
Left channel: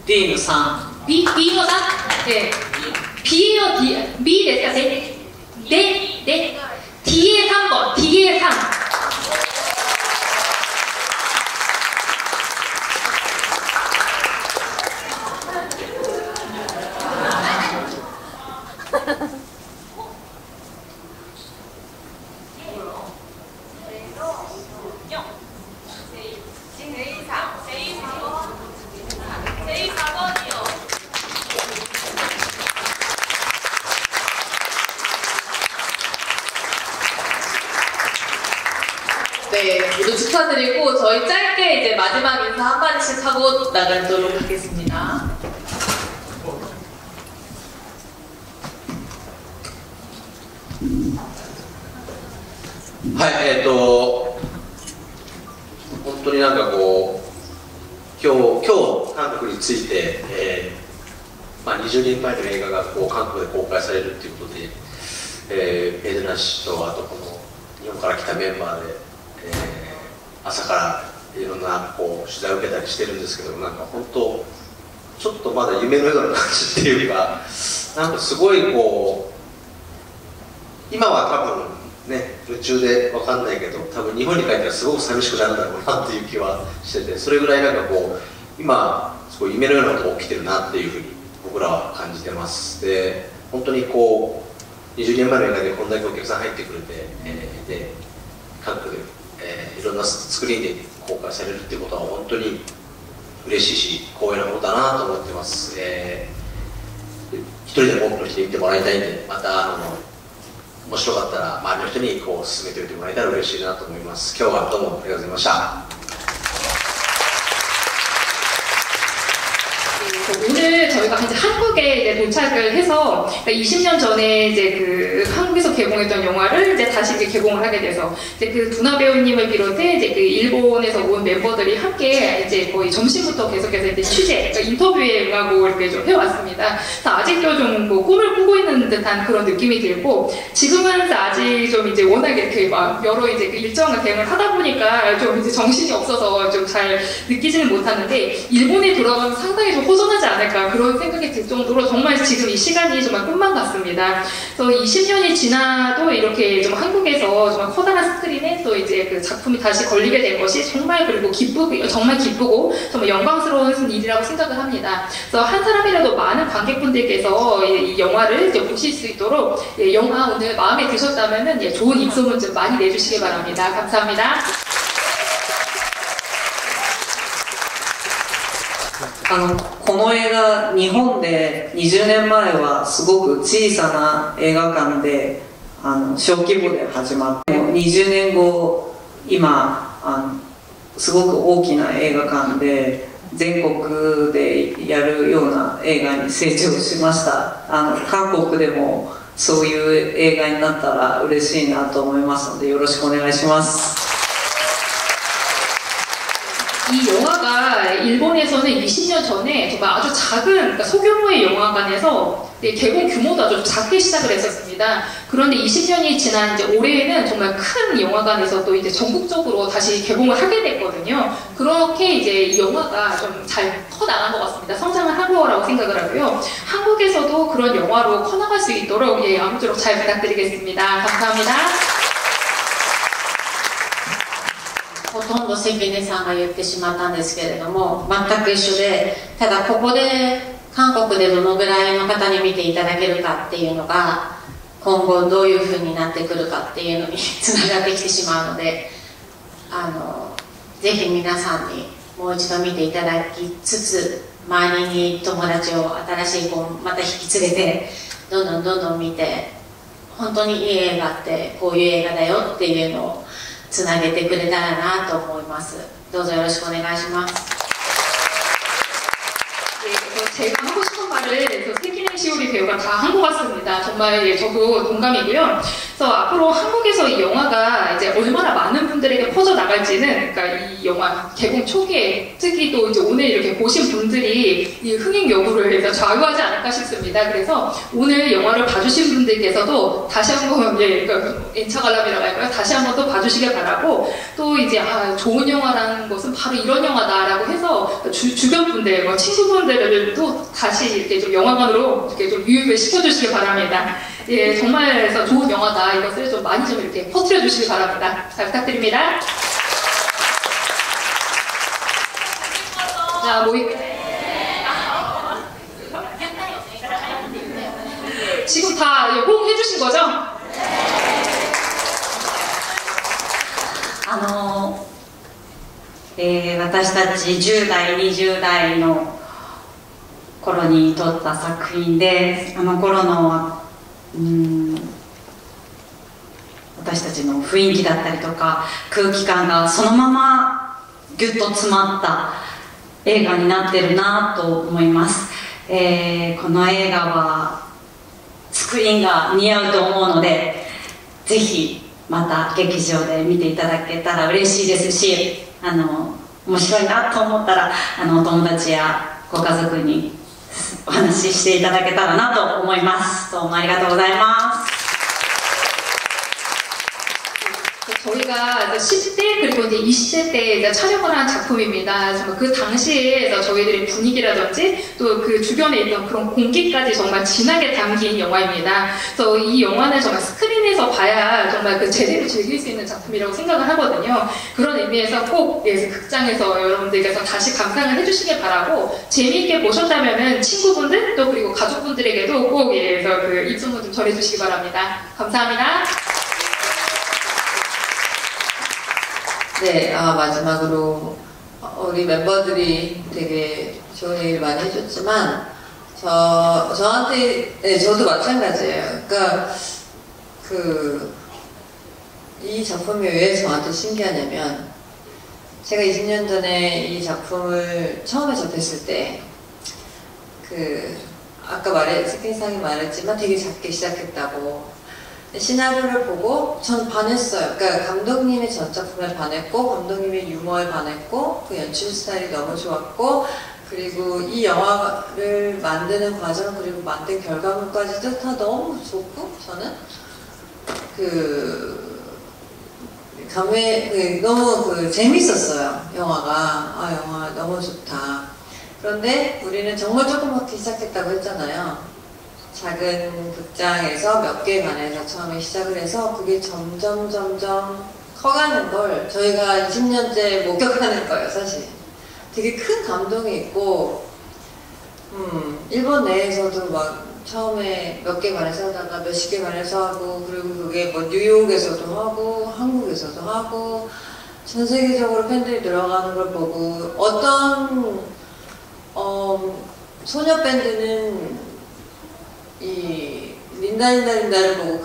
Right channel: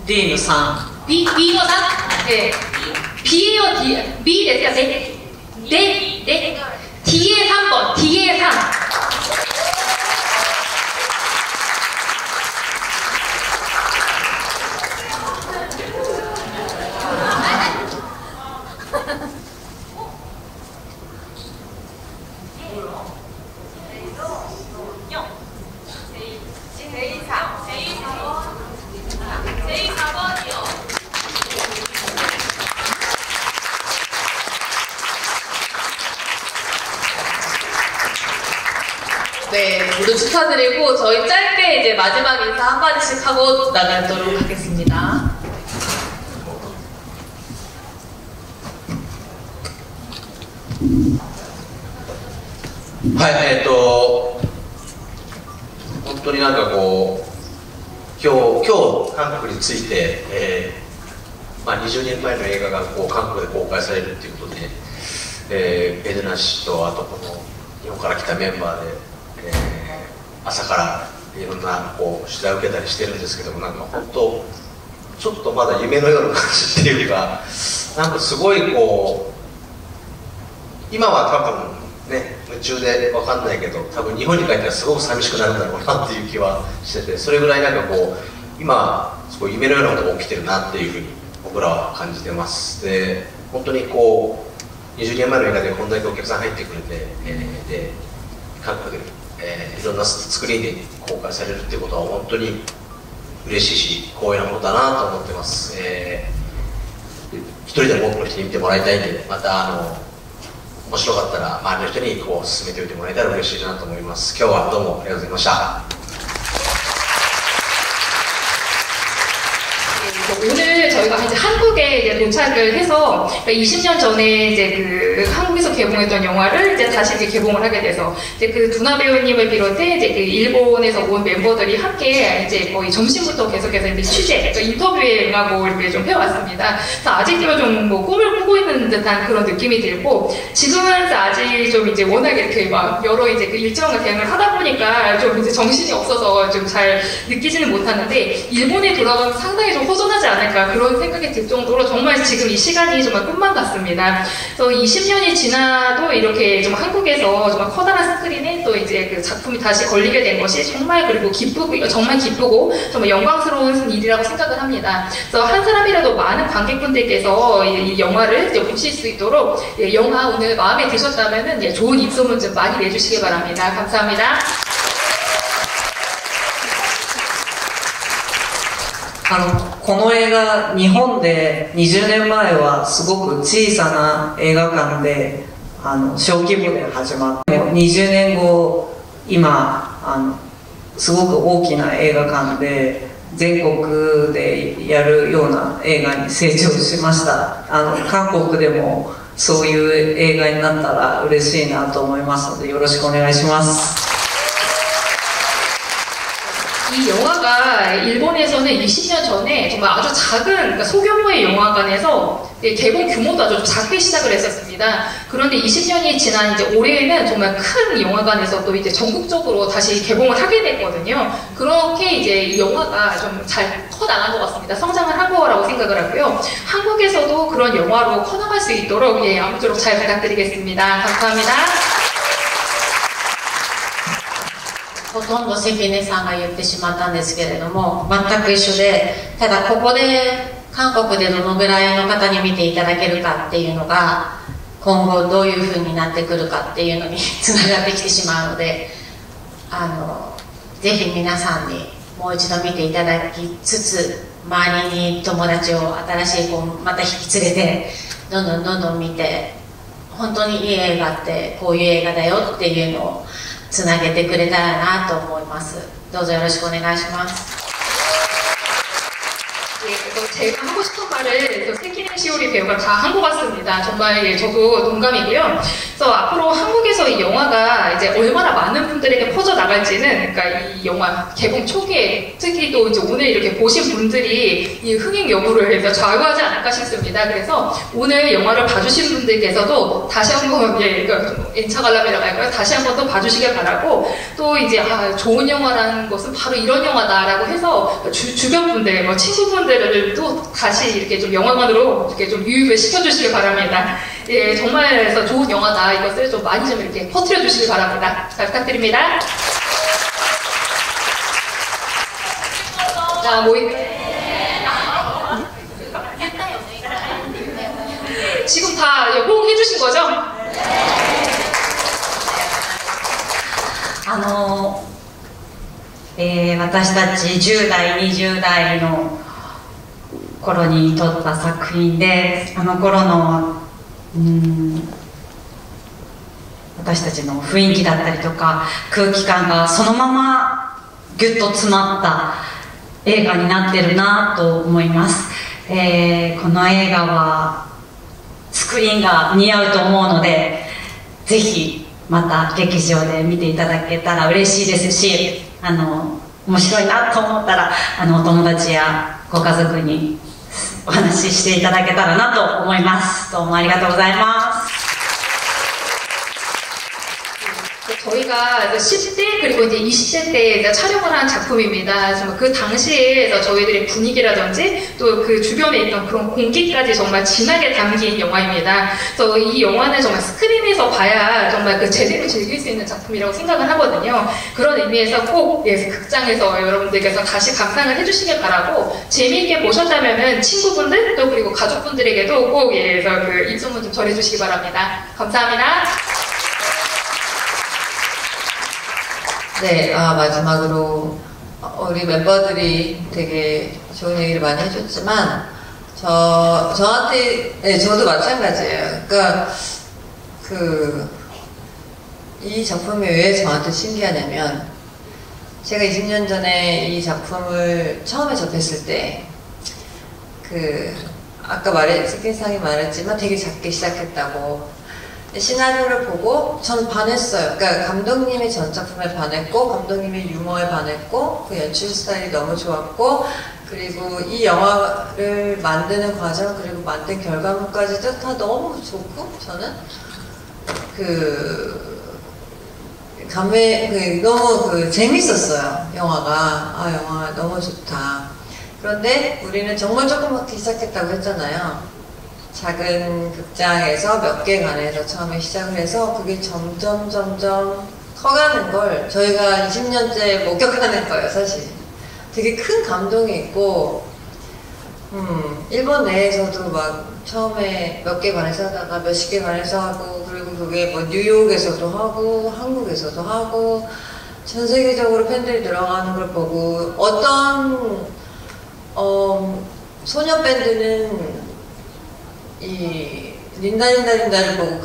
Dの3。 Bの 3? 예. B예요, D. B 됐어요, 네. 네, 네. D의 3번, D의 3. 네, 모두 축하드리고 저희 짧게 이제 마지막 인사 한 마디씩 하고 나가도록 하겠습니다.はい、本当になんかこう、今日韓国について、20年前の映画がこう韓国で公開されるということで、ベルナ氏とあとこの日本から来たメンバーで、朝からいろんなこう取材を受けたりしてるんですけども、なんか本当ちょっとまだ夢のような感じっていうよりは、なんかすごいこう今は多分ね、夢中で分かんないけど、多分日本に帰ったらすごく寂しくなるんだろうなっていう気はしてて、それぐらいなんかこう今すごい夢のようなことが起きてるなっていうふうに僕らは感じてます。で、本当にこう20年前の映画でこんだけお客さん入ってくれて、で韓国で、いろんなスクリーンで公開されるっていうことは本当に嬉しいし光栄なことだなと思ってます。一人でも多くの人に見てもらいたいんで、また面白かったら周りの人にこう進めておいてもらえたら嬉しいなと思います。今日はどうもありがとうございました。 오늘 저희가 이제 한국에 이제 도착을 해서 20년 전에 이제 그 한국에서 개봉했던 영화를 이제 다시 이제 개봉을 하게 돼서 이제 그 두나 배우님을 비롯해 이제 그 일본에서 온 멤버들이 함께 이제 거의 점심부터 계속해서 이제 취재, 그러니까 인터뷰에 응하고 이렇게 좀 해왔습니다. 그래서 아직도 좀 뭐 꿈을 꾸고 있는 듯한 그런 느낌이 들고 지금은 아직 좀 이제 워낙 이렇게 막 여러 이제 그 일정과 대응을 하다 보니까 좀 이제 정신이 없어서 좀 잘 느끼지는 못하는데 일본에 돌아가면 상당히 좀 허전하지 않을까 그런 생각이 들 정도로 정말 지금 이 시간이 정말 꿈만 같습니다. 그래서 20년이 지나도 이렇게 좀 한국에서 정말 커다란 스크린에 또 이제 그 작품이 다시 걸리게 된 것이 정말 그리고 기쁘고 정말 기쁘고 정말 영광스러운 일이라고 생각을 합니다. 그래서 한 사람이라도 많은 관객분들께서 이 영화를 이제 보실 수 있도록 영화 오늘 마음에 드셨다면은 좋은 입소문 좀 많이 내주시기 바랍니다. 감사합니다. この映画、日本で20年前はすごく小さな映画館で小規模で始まって、20年後今すごく大きな映画館で全国でやるような映画に成長しました。韓国でもそういう映画になったら嬉しいなと思いますのでよろしくお願いします。 이 영화가 일본에서는 20년 전에 정말 아주 작은 그러니까 소규모의 영화관에서 개봉 규모도 아주 작게 시작을 했었습니다. 그런데 20년이 지난 이제 올해에는 정말 큰 영화관에서 또 이제 전국적으로 다시 개봉을 하게 됐거든요. 그렇게 이제 이 영화가 좀 잘 커나간 것 같습니다. 성장을 한 거라고 생각을 하고요. 한국에서도 그런 영화로 커나갈 수 있도록 아무쪼록 잘 부탁드리겠습니다. 감사합니다. ほとんど関根さんが言ってしまったんですけれども、全く一緒で、ただここで韓国でどのぐらいの方に見ていただけるかっていうのが今後どういうふうになってくるかっていうのにつながってきてしまうので、ぜひ皆さんにもう一度見ていただきつつ、周りに友達を新しい子をまた引き連れてどんどん見て、本当にいい映画ってこういう映画だよっていうのをつなげてくれたらなと思います。どうぞよろしくお願いします。 제가 하고 싶은 말을 세키네 시오리 배우가 다 한 것 같습니다. 정말 저도 동감이고요. 그래서 앞으로 한국에서 이 영화가 이제 얼마나 많은 분들에게 퍼져 나갈지는, 그러니까 이 영화 개봉 초기에 특히 또 이제 오늘 이렇게 보신 분들이 이 흥행 여부를 해서 좌우하지 않을까 싶습니다. 그래서 오늘 영화를 봐주신 분들께서도 다시 한번 엔차 관람이라고 할까요? 다시 한번 또 봐주시길 바라고, 또 이제 좋은 영화라는 것은 바로 이런 영화다라고 해서 주변 분들, 뭐 친구분들을 또 다시 이렇게 좀 영화관으로 이렇게 좀 유입을 시켜주시길 바랍니다. 예, 정말 그래서 좋은 영화다. 이것을 좀 많이 좀 이렇게 퍼뜨려 주시길 바랍니다. 잘 부탁드립니다. 자, 지금 다 호응해 주신 거죠? 私たち10代、20代の頃に撮った作品で、あの頃の私たちの雰囲気だったりとか空気感がそのままギュッと詰まった映画になってるなと思います。この映画はスクリーンが似合うと思うので、ぜひまた劇場で見ていただけたら嬉しいですし、面白いなと思ったらお友達やご家族にお話ししていただけたらなと思います。どうもありがとうございます。 저희가 10대 그리고 이제 20대 때 촬영을 한 작품입니다. 정말 그 당시에 저희들의 분위기라든지 또 그 주변에 있던 그런 공기까지 정말 진하게 담긴 영화입니다. 그래서 이 영화는 정말 스크린에서 봐야 정말 그 제대로 즐길 수 있는 작품이라고 생각을 하거든요. 그런 의미에서 꼭 극장에서 여러분들께서 다시 감상을 해주시길 바라고, 재미있게 보셨다면은 친구분들 또 그리고 가족분들에게도 꼭 그 입소문 좀 전해주시기 바랍니다. 감사합니다. 네, 마지막으로 우리 멤버들이 되게 좋은 얘기를 많이 해줬지만 저한테, 네, 저도 마찬가지예요. 그러니까 이 작품이 왜 저한테 신기하냐면, 제가 20년 전에 이 작품을 처음에 접했을 때 아까 스킨상이 말했지만 되게 작게 시작했다고. 시나리오를 보고 전 반했어요. 그러니까 감독님이 전 작품에 반했고, 감독님이 유머에 반했고, 그 연출 스타일이 너무 좋았고, 그리고 이 영화를 만드는 과정, 그리고 만든 결과물까지도 다 너무 좋고, 저는 너무 재밌었어요. 영화가. 영화가 너무 좋다. 그런데 우리는 정말 조그맣게 시작했다고 했잖아요. 작은 극장에서 몇 개관에서 처음에 시작을 해서 그게 점점 커가는 걸 저희가 20년째 목격하는 거예요, 사실. 되게 큰 감동이 있고, 일본 내에서도 막 처음에 몇 개관에서 하다가 몇십 개관에서 하고, 그리고 그게 뭐 뉴욕에서도 하고, 한국에서도 하고, 전 세계적으로 팬들이 늘어가는 걸 보고, 어떤 소녀 밴드는 이 린다를 보고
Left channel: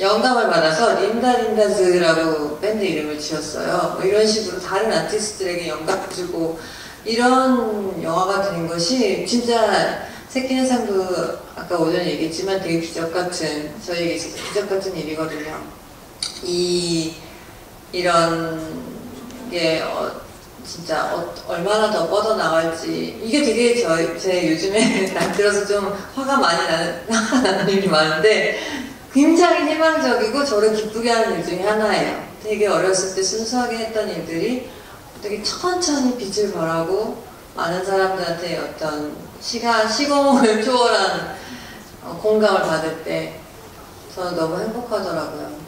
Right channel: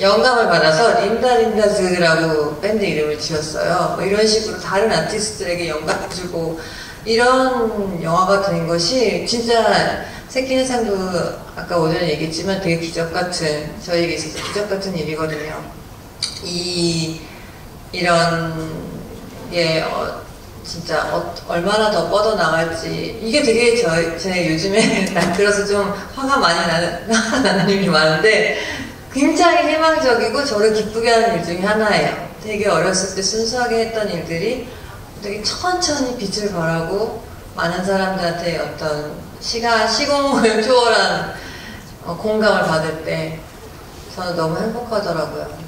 영감을 받아서 린다즈라고 밴드 이름을 지었어요. 뭐 이런 식으로 다른 아티스트들에게 영감을 주고 이런 영화가 된 것이 진짜 세키네상도 아까 오전에 얘기했지만 되게 기적같은, 저희에게 있어서 기적같은 일이거든요. 이런 게 진짜 얼마나 더 뻗어나갈지, 이게 되게 제 요즘에 들어서 좀 화가 많이 나는 일이 많은데, 굉장히 희망적이고 저를 기쁘게 하는 일 중에 하나예요. 되게 어렸을 때 순수하게 했던 일들이 되게 천천히 빛을 발하고 많은 사람들한테 어떤 시공을 초월한 공감을 받을 때 저는 너무 행복하더라고요.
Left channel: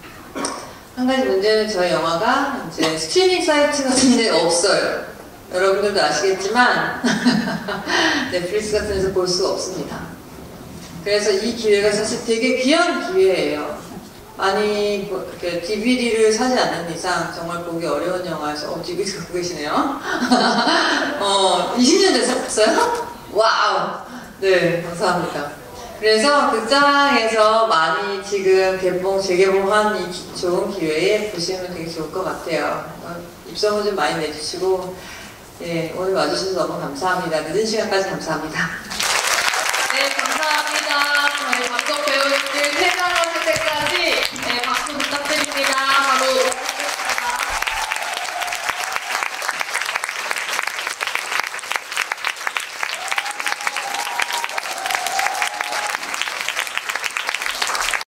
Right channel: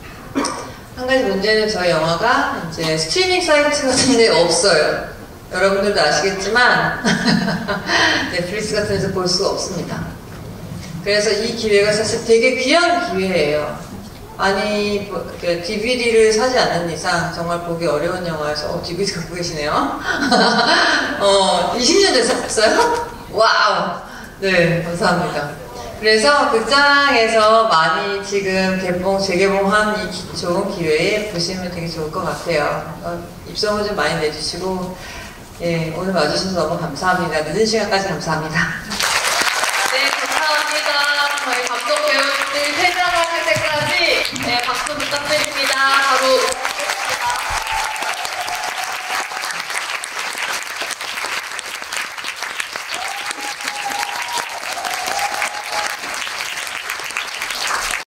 한 가지 문제는 저희 영화가 이제 스트리밍 사이트 같은 데 없어요. 여러분들도 아시겠지만 넷플릭스 같은 데서 볼 수가 없습니다. 그래서 이 기회가 사실 되게 귀한 기회예요. 많이 그 DVD를 사지 않는 이상 정말 보기 어려운 영화여서 DVD 갖고 계시네요. 20년 돼서 봤어요? 와우! 네, 감사합니다. 그래서 극장에서 많이 지금 재개봉한 이 좋은 기회에 보시면 되게 좋을 것 같아요. 입소문 좀 많이 내주시고, 예, 오늘 와주셔서 너무 감사합니다. 늦은 시간까지 감사합니다.